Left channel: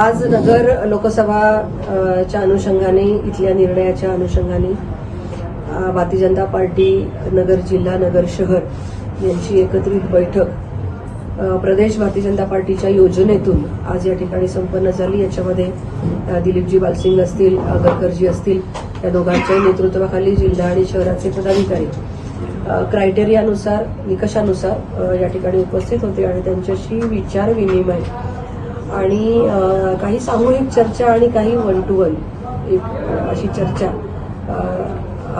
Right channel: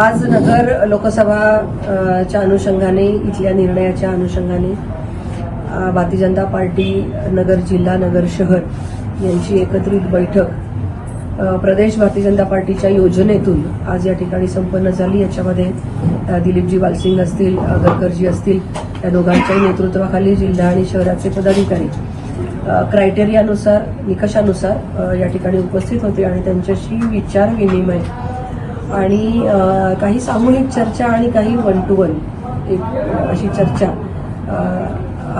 आज नगर लोकसभा च्या अनुषंगाने इथल्या निर्णयाच्या अनुषंगाने भारतीय जनता पार्टी नगर जिल्हा नगर शहर यांची एकत्रित बैठक प्रदेश भारतीय जनता पार्टीच्या योजनेतून आज या ठिकाणी संपन्न झाली. याच्यामध्ये दिलीपजी बालसिंग असतील अ, गडकरजी असतील या दोघांच्याही नेतृत्वाखाली जिल्हा आणि शहराचे पदाधिकारी क्रायटेरियानुसार निकषानुसार या ठिकाणी उपस्थित होते आणि त्यांच्याशी विचार विनिमय आणि काही सामूहिक चर्चा आणि काही वन टू वन एक अशी चर्चा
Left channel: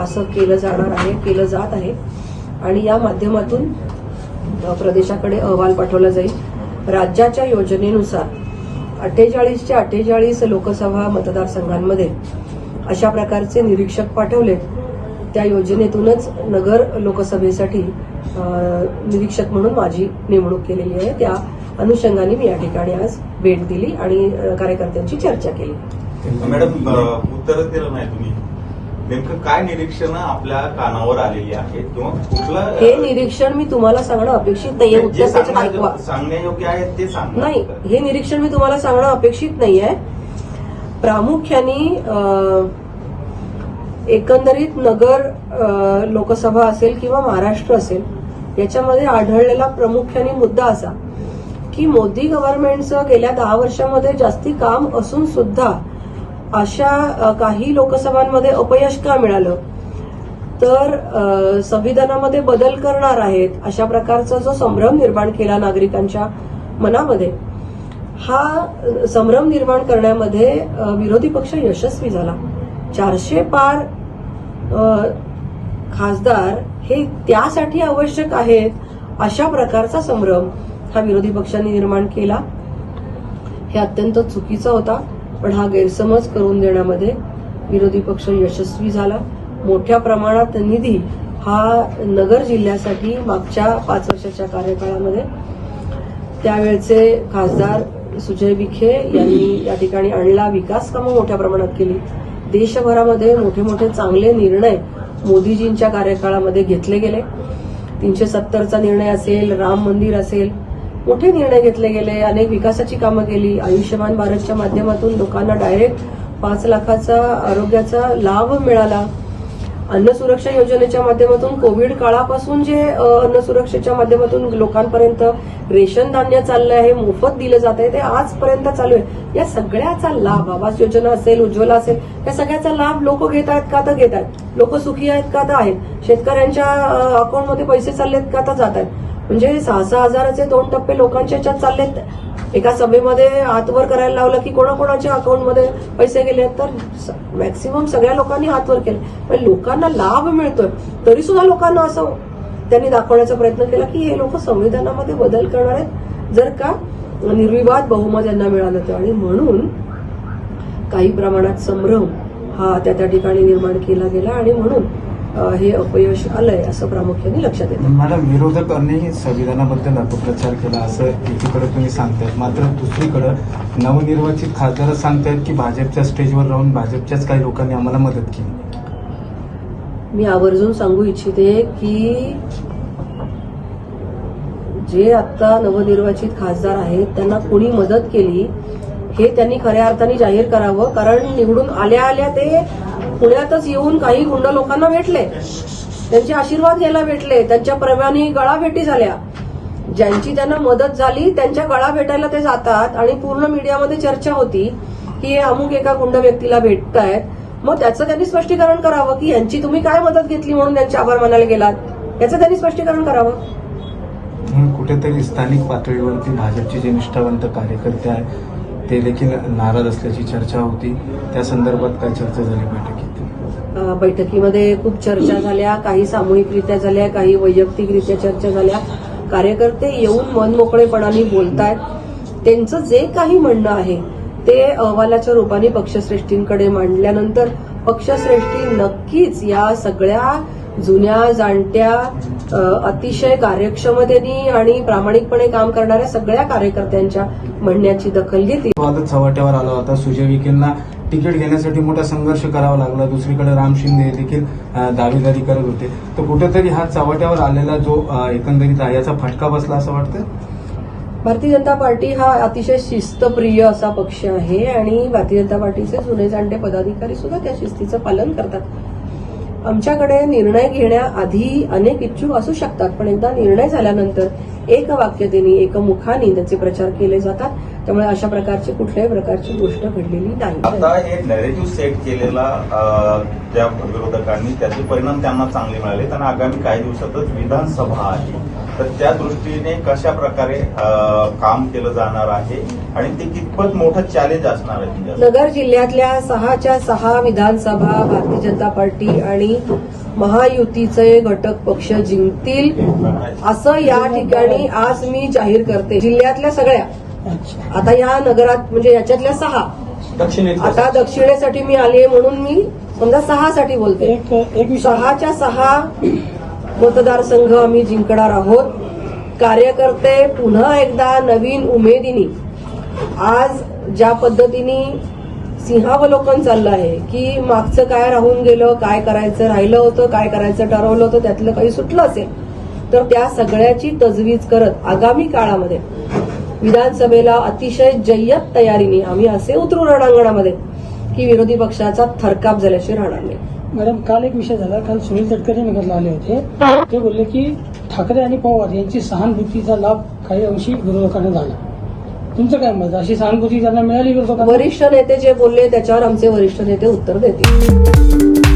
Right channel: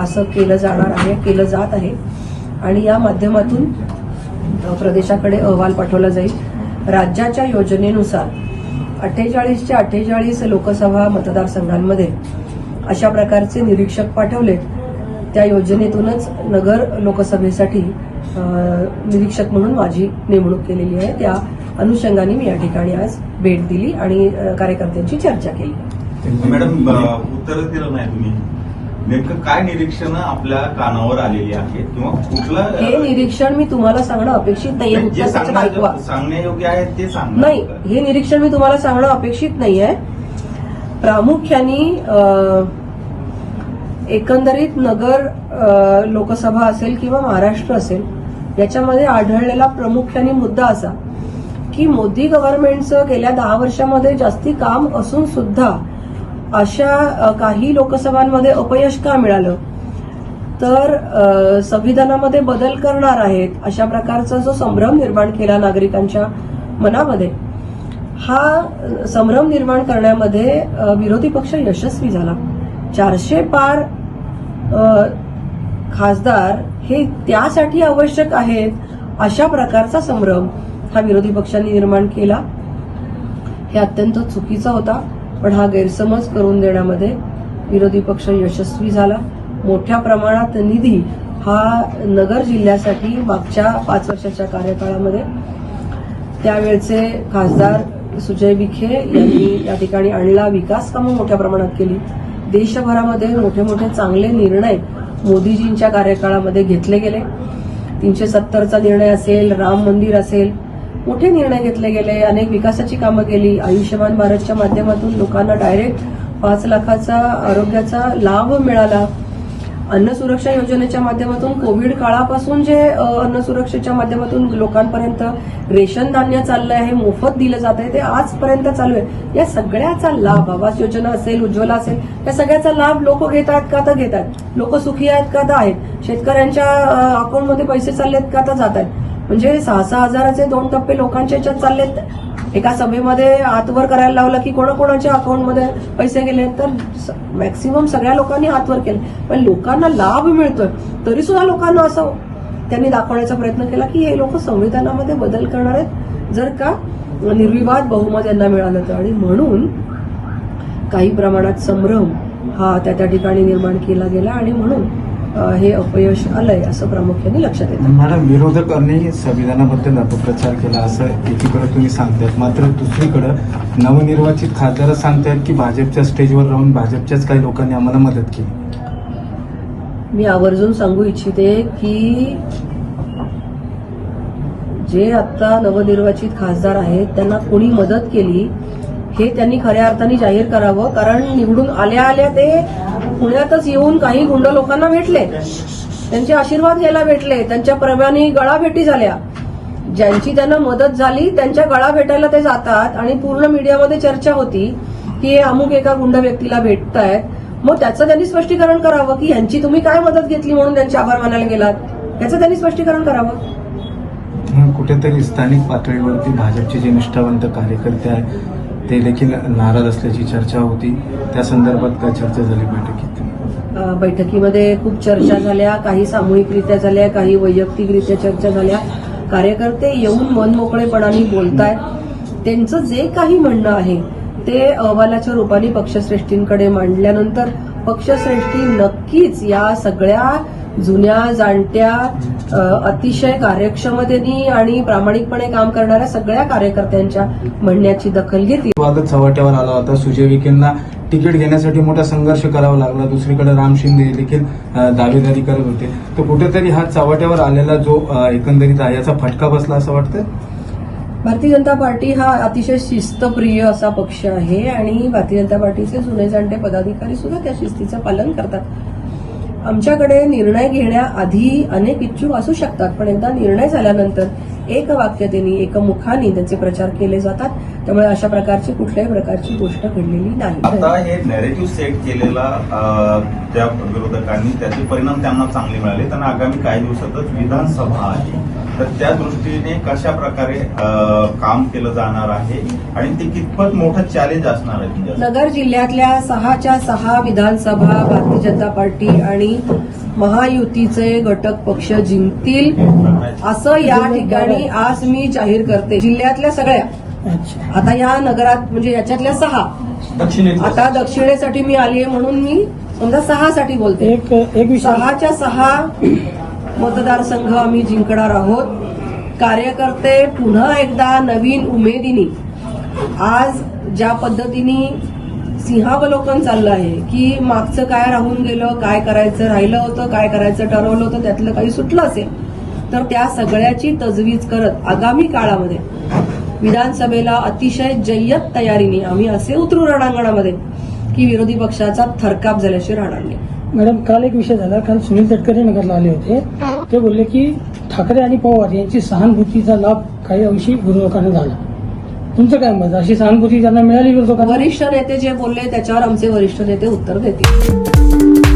असं केलं जाणार आहे केलं जात आहे. आणि या माध्यमातून प्रदेशाकडे अहवाल पाठवला जाईल. राज्याच्या योजनेनुसार अठ्ठेचाळीसच्या अठ्ठेचाळीस लोकसभा मतदारसंघांमध्ये अशा प्रकारचे निरीक्षक पाठवले. त्या योजनेतूनच नगर लोकसभेसाठी निरीक्षक म्हणून माझी नेमणूक केलेली आहे. त्या अनुषंगाने मी या ठिकाणी आज भेट दिली आणि कार्यकर्त्यांची चर्चा केली. मॅडम उत्तर दिलं नाही तुम्ही. नेमकं काय निरीक्षण आपल्या कानावर आलेली आहेत किंवा कुठलं हे निरीक्षण मी तुम्हाला सांगणं अपेक्षित नाहीये. जे उत्तर ऐकवा. सांगण्यायोग्य आहे ते सांग नाही हे निरीक्षण मी तुम्हाला सांगणं अपेक्षित नाहीये. प्रामुख्याने एकंदरीत नगर लोकसभा असेल किंवा महाराष्ट्र असेल याच्यामध्ये आढळलेला प्रामुख्याने मुद्दा असा की मोदी गव्हर्नमेंटचं गेल्या दहा वर्षामध्ये जास्ती काम असून सुद्धा अशा काही लोकसभांमध्ये अपयश का मिळालं? तर संविधानामध्ये बदल करणार आहेत अशा प्रकारचा जो संभ्रम निर्माण केला नागरिकांच्या मनामध्ये हा संभ्रम निर्माण करण्यामध्ये विरोधी पक्ष यशस्वी झाला. चारशे पार खासदार हे त्यासाठी आवश्यक आहेत अशा प्रकारचा संभ्रम हा विरोधी पक्षांनी निर्माण केला. हे अत्यंत चुकीचा होता पण हा गैरसमज करून देण्यामध्ये विरोधी पक्ष यशस्वी झाला. मोठ्या प्रमाणात निधी हा नगर जिल्ह्यासाठी मागच्या पाच वर्षाच्या कार्यकाळामध्ये. त्यावेळचे खासदार सुजय विखे यांनी या ठिकाणी आणला. विकास कामं मोठ्या प्रमाणात केली. देशभरामध्ये मोठे मोठे चांगले निर्णय मोदीजींच्या कार्यकाळामध्ये घेतले गेले. तीनशे सत्तरचा निर्णय असेल राम मंदिर असेल मोठे निर्णय घेतले गेले अनेक विकासाची कामं केली. आयुष्यमान भारतच्या माध्यमातून लोकांना डायरेक्ट पाच लाखाचा आरोग्याचा लाभ मिळाला. अन्न सुरक्षा योजनेच्या माध्यमातून कोविड काळापासून जे अन्न सुरक्षेच्या माध्यमातून लोकांपर्यंत रेशन धान्य चाललं आहे मोफत दिलं जात आहे ते आजपर्यंत चालू आहे. या सगळ्याचा लाभ आवास योजना असेल उज्ज्वला असेल या सगळ्याचा लाभ लोक घेत आहेत का तर घेत आहेत. लोक सुखी आहेत का तर आहेत. शेतकऱ्यांच्या अकाउंटमध्ये पैसे आहेत का तर जात आहेत. म्हणजे सहा सहा हजाराचे दोन टप्पे लोकांच्या याच्यात चाललेत. एका सभेमध्ये हातवर करायला लावलं की कोणाकोणाच्या अकाउंटमध्ये पैसे गेले तर मॅक्सिमम सगळ्या लोकांनी हातवर केले. पण लोकांना लाभ मिळतोय तरी सुद्धा लोकांना असं त्यांनी दाखवण्याचा प्रयत्न केला की हे लोक संविधानामध्ये बदल करणार आहेत. जर का निर्विवाद बहुमत यांना मिळालं तर. आणि म्हणून काही प्रमाणात संभ्रम हा त्या त्या ठिकाणी निर्माण केला गेला. आणि म्हणून हे अपयश आलंय असं प्रामुख्याने लक्षात येतं. मॅडम विरोधकांनी संविधानाबद्दल अपप्रचार केला असं एकीकडे तुम्ही सांगतायत. मात्र दुसरीकडे नवनिर्वाचित खासदार सांगतायत की भाजपच्या स्टेजवर राहून भाजपच्याच काही लोकांनी आम्हाला मदत केली. मी आवर्जून सांगू इच्छिते की जे आता नवनिर्वाचित खासदार आहेत त्यांना कोणी मदत केली हे त्यांनी खऱ्या अर्थाने जाहीर करावं कारण निवडून आल्या आल्या ते पुण्यातच येऊन काही गुंड लोकांना भेटले. त्यांचे आशीर्वाद घ्यायला भेटले. त्यांच्या प्रमाणे गळा भेटी झाल्या. ज्यांची त्यांना मदत झाली त्यांच्या गळा भेटायला ते जातात आणि पूर्ण मीडियामध्ये चर्चा होती की हे अमुक एका गुंड व्यक्तीला भेटतायत मग त्याचं त्यांनी स्पष्टीकरण करावं की यांची तुम्ही काय मदत घेतली म्हणून त्यांचे आभार मानायला गेलात? याचं त्यांनी स्पष्टीकरण करावं. कुठेतरी स्थानिक पातळीवरती भाजपचे जे निष्ठावंत कार्यकर्ते आहेत ते देखील नाराज असल्याची चर्चा होती. त्या संदर्भात काय चर्चा झाली बैठकीत? बैठकीमध्ये खूप चर्चा झाल्या काही सामूहिकरित्या झाल्या काही वैयक्तिकरित्या चर्चा झाल्या. कार्यकर्ते येऊन मनमोकळेपणाने बोलतायत. त्यांचं जे काही म्हणणं आहे ते अहवालाच्या रूपाने पक्षश्रेष्ठींकडे मांडल्यानंतर पक्षश्रेष्ठी नक्कीच या सगळ्या जुन्या जाणत्या अतिशय कार्यक्षमतेने आणि प्रामाणिकपणे काम करणाऱ्या सगळ्या कार्यकर्त्यांच्या म्हणण्याची दखल घेतील. वादच चव्हाट्यावर आला होता. सुजय विखेंना तिकीट घेण्यासाठी मोठा संघर्ष करावा लागला. दुसरीकडे राम शिंदे देखील दावेदारी करत होते. तर कुठेतरी हा चव्हाट्यावर आलेला जो एकंदरीत आहे याचा फटका बसला असं वाटतं भारतीय जनता पार्टी हा अतिशय शिस्तप्रिय असा पक्ष आहे आणि भारतीय जनता पार्टीचे जुने जाणते पदाधिकारी सुद्धा त्या शिस्तीचं पालन करतात. आमच्याकडे निर्णय घेण्याआधी अनेक इच्छुक असू शकतात पण एकदा निर्णय झाल्यानंतर एक वाक्यतेने एकमुखाने त्यांचे प्रचार केले जातात. त्यामुळे अशा प्रकारची कुठल्याही प्रकारची गोष्ट घडलेली नाही. आता हे नॅरेटिव्ह सेट केलेला त्या विरोधकांनी त्याचे परिणाम त्यांना चांगले मिळाले त्यांना आगामी काही दिवसातच विधानसभा आहे तर त्या दृष्टीने कशा प्रकारे काम केलं जाणार आहे आणि ते कितपत मोठं चॅलेंज असणार आहे? तिच्यासाठी? नगर जिल्ह्यातल्या सहाच्या सहा विधानसभा भारतीय जनता पार्टी आणि महायुतीचे घटक पक्ष जिंकतील असं या ठिकाणी आज मी जाहीर करते. जिल्ह्यातल्या सगळ्या. आता या नगरात म्हणजे याच्यातल्या सहा. आता दक्षिणेसाठी मी आली आहे म्हणून मी समजा सहासाठी बोलते. सहाच्या सहा मतदारसंघ आम्ही जिंकणार आहोत. कार्यकर्ते पुन्हा एकदा नवीन उमेदीने. आज ज्या पद्धतीने सिंहावलोकन चाललं आहे की मागचं काय राहून गेलं काय करायचं राहिलं होतं काय करायचं ठरवलं होतं त्यातलं काही सुटलं असेल तर त्या सगळ्याची तजवीज करत आगामी काळामध्ये विधानसभेला अतिशय जय्यत तयारीने आम्ही असे उतरू रणांगणामध्ये की विरोधी पक्षाचा थरकाप झाल्याशी राहणार नाही. मॅडम काल एक विषय झाला. काल सुनील तटकरे नगरला आले होते. ते बोलले की ठाकरे आणि पवार यांची सहानुभूतीचा लाभ काही अंशी विरोधकांना झाला. तुमचं काय मत? अशी सहानुभूती त्यांना मिळाली विरोधकांना? वरिष्ठ नेते जे बोलले त्याच्यावर आमचे वरिष्ठ नेते उत्तर देतील.